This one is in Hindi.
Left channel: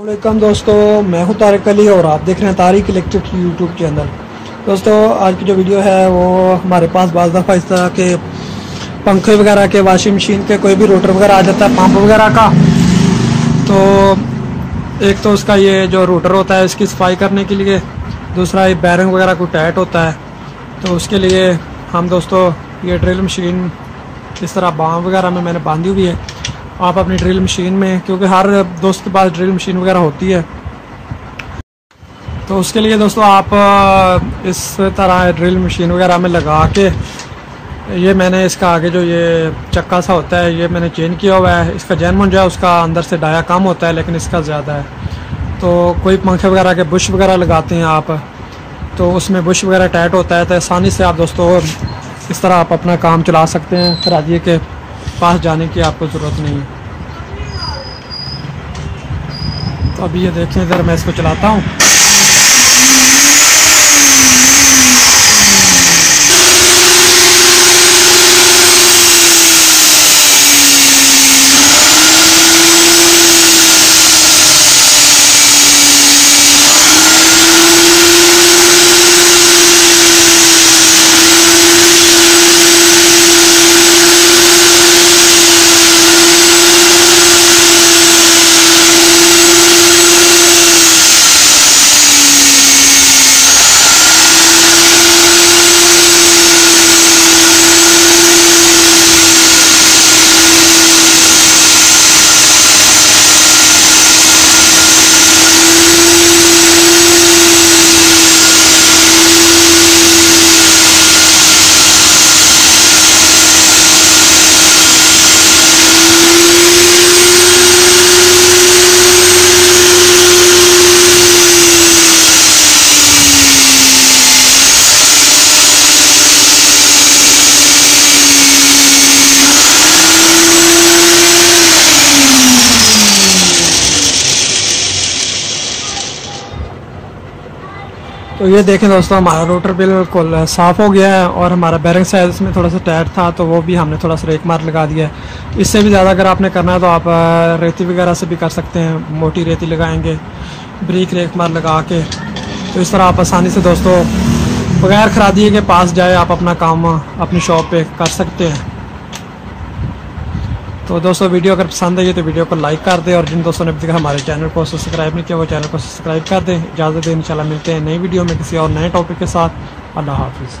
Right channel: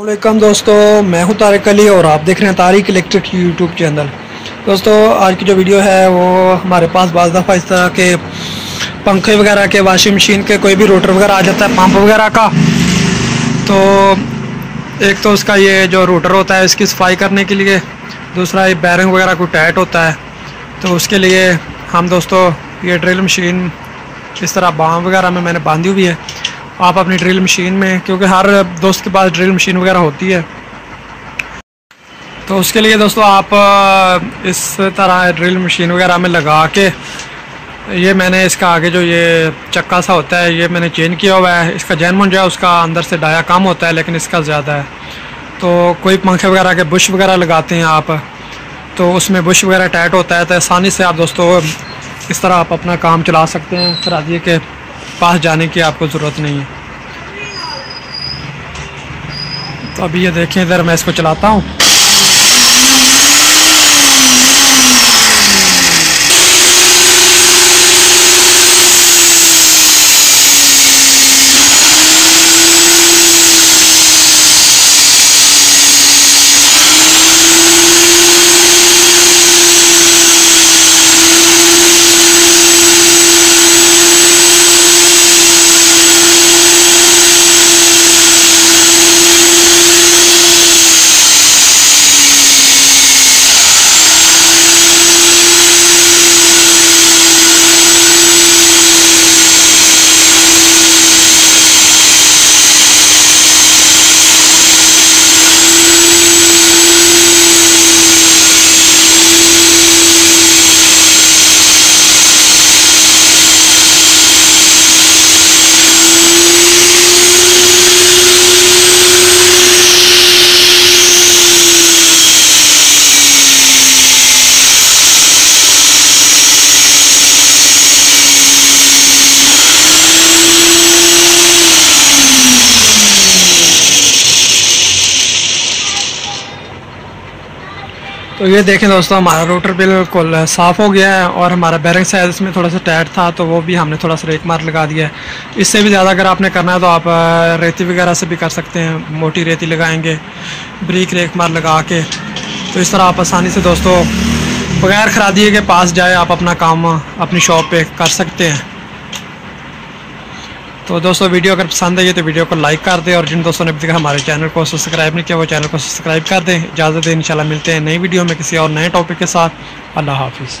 वालेकुम दोस्तों, मैं हूं तारिक अली और आप देख रहे हैं तारिक इलेक्ट्रिक यूट्यूब चैनल। दोस्तों, आज की जो वीडियो है वो हमारे पास बाज़ दफ़ा इस तरह के पंखे वगैरह के, वॉशिंग मशीन के, कोई भी रोटर वगैरह आ जाता है पंप वगैरह का। तो एक तो उसका ये जो रोटर होता है इसकी सफाई करने के लिए, दूसरा ये बैरिंग वगैरह को टाइट होता है, तो उसके लिए हम दोस्तों ये ड्रिल मशीन इस तरह बाम वगैरह में मैंने बांधी हुई है। आप अपनी ड्रिल मशीन में, क्योंकि हर दोस्त के पास ड्रिल मशीन वगैरह होती है, तो उसके लिए दोस्तों आप इस तरह ड्रिल मशीन वगैरह में लगा के, ये मैंने इसका आगे जो ये चक्का सा होता है ये मैंने चेंज किया हुआ है। इसका जैन मुंजा उसका अंदर से डाया कम होता है लेकिन इसका ज़्यादा है। तो कोई पंखे वगैरह के बुश वगैरह लगाते हैं आप, तो उसमें बुश वगैरह टाइट होता है, तो आसानी से आप दोस्तों इस तरह आप अपना काम चला सकते हैं। खरादिए के पास जाने की आपको ज़रूरत नहीं है। तो अभी ये देखें, इधर मैं इसको चलाता हूँ। तो ये देखें दोस्तों, हमारा रोटर बिल्कुल साफ़ हो गया है और हमारा बैरिंग साइज इसमें थोड़ा सा टाइट था, तो वो भी हमने थोड़ा सा रेक मार लगा दिया है। इससे भी ज़्यादा अगर आपने करना है तो आप रेती वगैरह से भी कर सकते हैं। मोटी रेती लगाएंगे, ब्रिक रेक मार लगा के, तो इस तरह आप आसानी से दोस्तों बगैर खरादिए के पास जाए आप अपना काम अपनी शॉप पे कर सकते हैं। तो दोस्तों, वीडियो अगर पसंद आई तो वीडियो को लाइक कर दें, और जिन दोस्तों ने अभी तक हमारे चैनल को सब्सक्राइब नहीं किया वो चैनल को सब्सक्राइब कर दें। इजाज़त दें, इंशाल्लाह मिलते हैं नई वीडियो में किसी और नए टॉपिक के साथ। अल्लाह हाफिज़।